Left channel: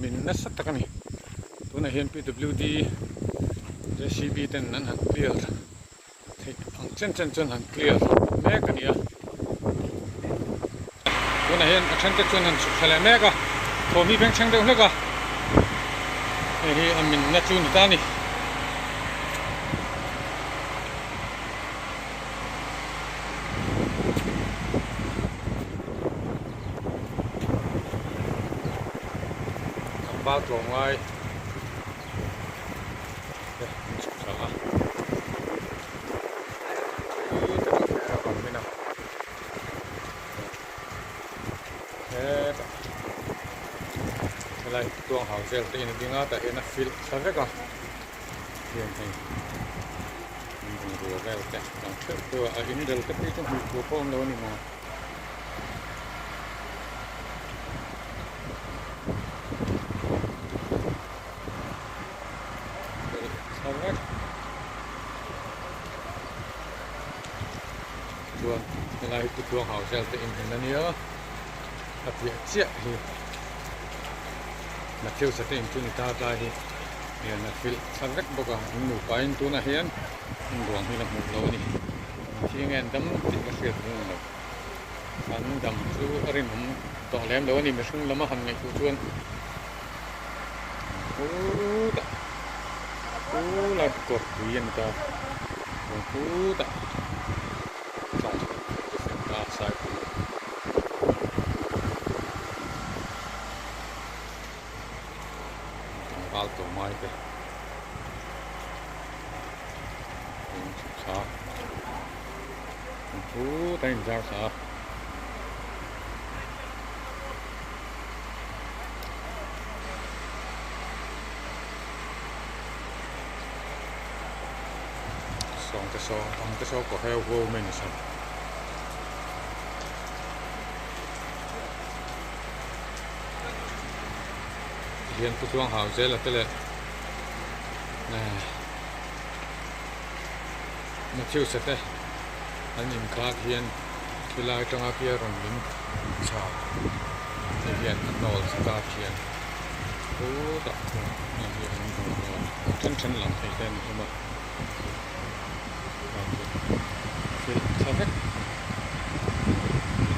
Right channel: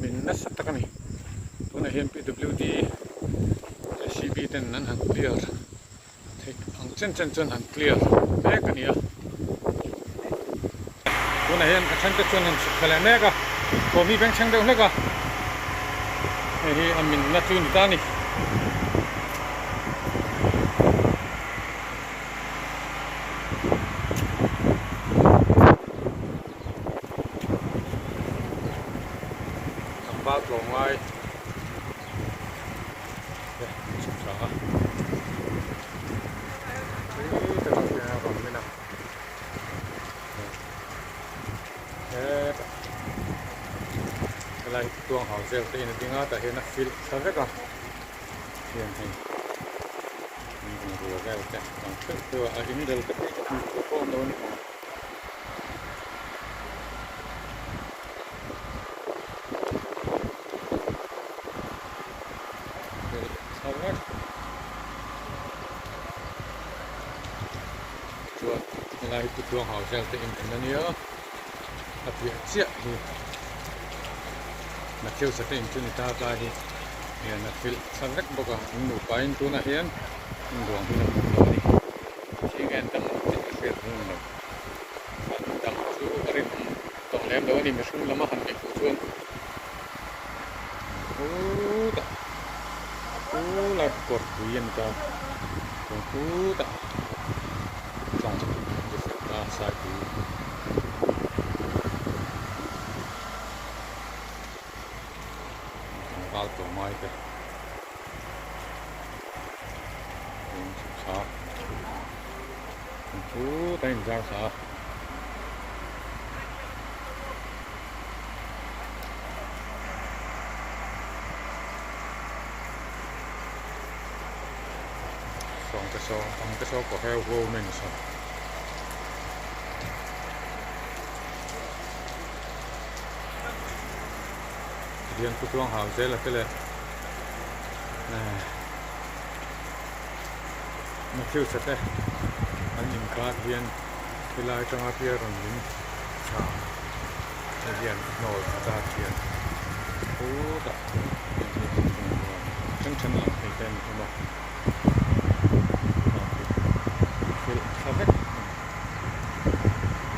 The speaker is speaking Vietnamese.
min na sat takani tuna hian PWD JCB ten nan han clear ang chen han clear mek ania tuna hian athan te chuan han su thale meka thomi beng chang deuh hleka hi amin na chu ni ta ni bao trộn lại chụp xả còn bên nào thế cái này tuồng hào gel tên tiếng Nga tại hiện nay phil sao rất là hiện thì mình vừa gel cái đằng trước vừa ở những đều cái tí trong một con đâu này mà chuan này tụi tuồng hào gel tên này nhớ tập việc chia thì mà chiêu sẽ tên cho người ta ra thì là phil sao rất bốc à ngủ phải tu na hiền luồng thì là một lối đi chỉ nghe đâm cái việc luôn rồi anh đâm chú ở đây mình tổng lem đâu đi mà không làm hành cái phụ chuan là cột quyền ta ta trong cái việc ta sai của bao tổ mai cái chụp xa tay giao xa xong cái số của heo vô mình sao hiện tụi tuồng hào dễ là cái này mà chiêu sét đấy anh nhìn khác hiện cái lại trong áp here rồi mình chả hiện nol start hiện đã chân lặng thấy tên không mà sao hết